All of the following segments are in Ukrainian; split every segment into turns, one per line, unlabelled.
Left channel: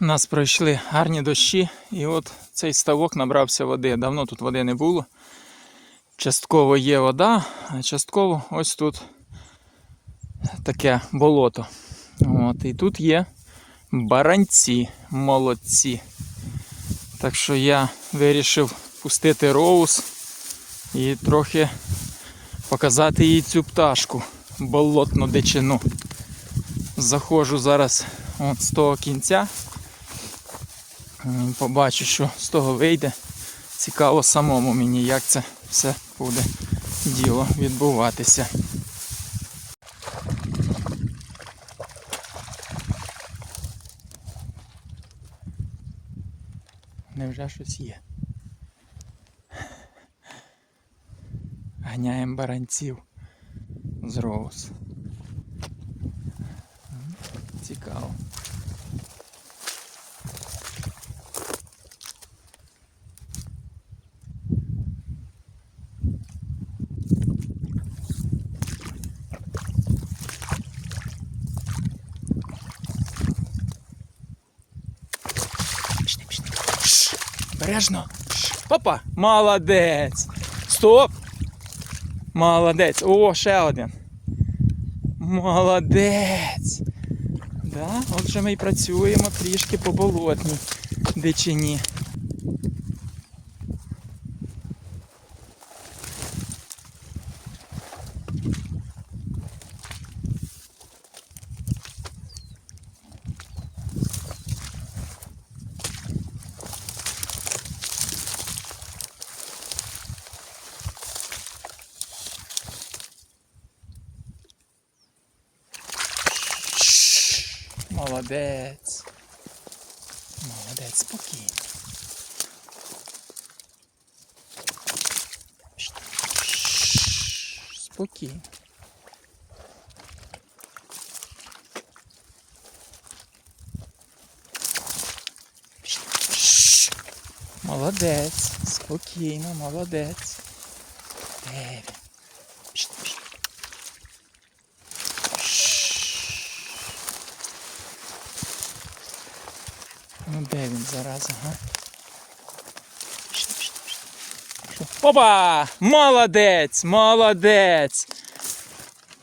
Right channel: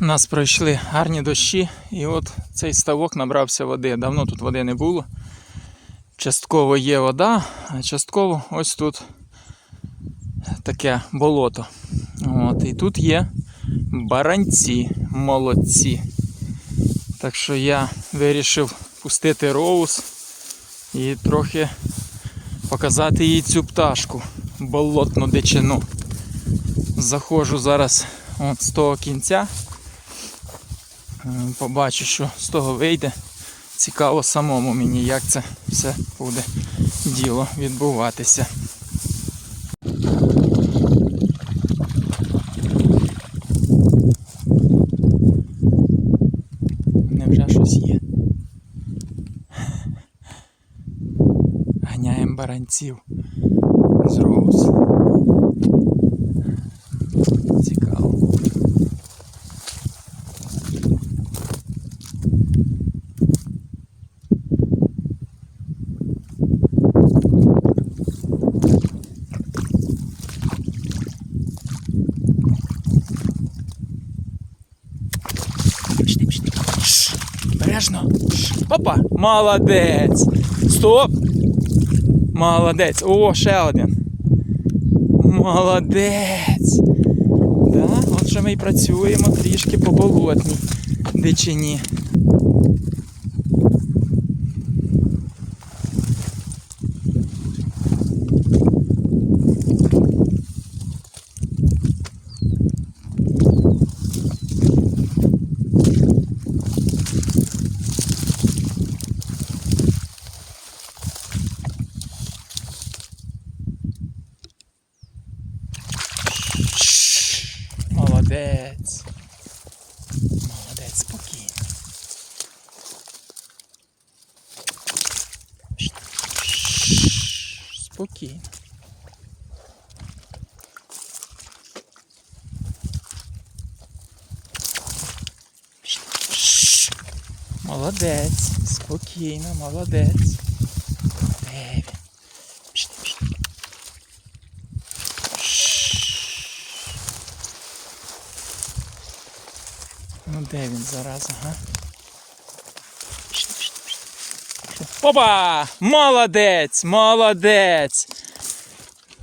У нас пройшли гарні дощі, і от цей ставок набрався води. Давно тут води не було. Частково є вода, а частково ось тут таке болото. От, і тут є баранці молодці. Так що я вирішив пустити роуз і трохи показати їй цю пташку, болотну дичину. Заходжу зараз от з того кінця. М, Побачу, що з того вийде. Цікаво самому мені, як це все буде діло відбуватися. Невже щось є? Ганяємо баранців з роуз. Бережно. Шш, Опа! Молодець! Стоп! Молодець! О, ще один. Молодець! Так, От ми і працюємо трішки по болотній дичині. Молодець. Молодець, спокійно. Шш, шш, Спокійно. Шш, шш. Молодець. Спокійно, молодець. Де Ну де він зараз, ага? Опа! Молодець! Молодець!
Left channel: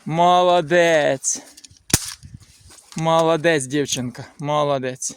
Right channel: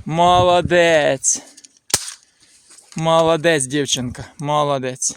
Молодець! Молодець, дівчинка, молодець.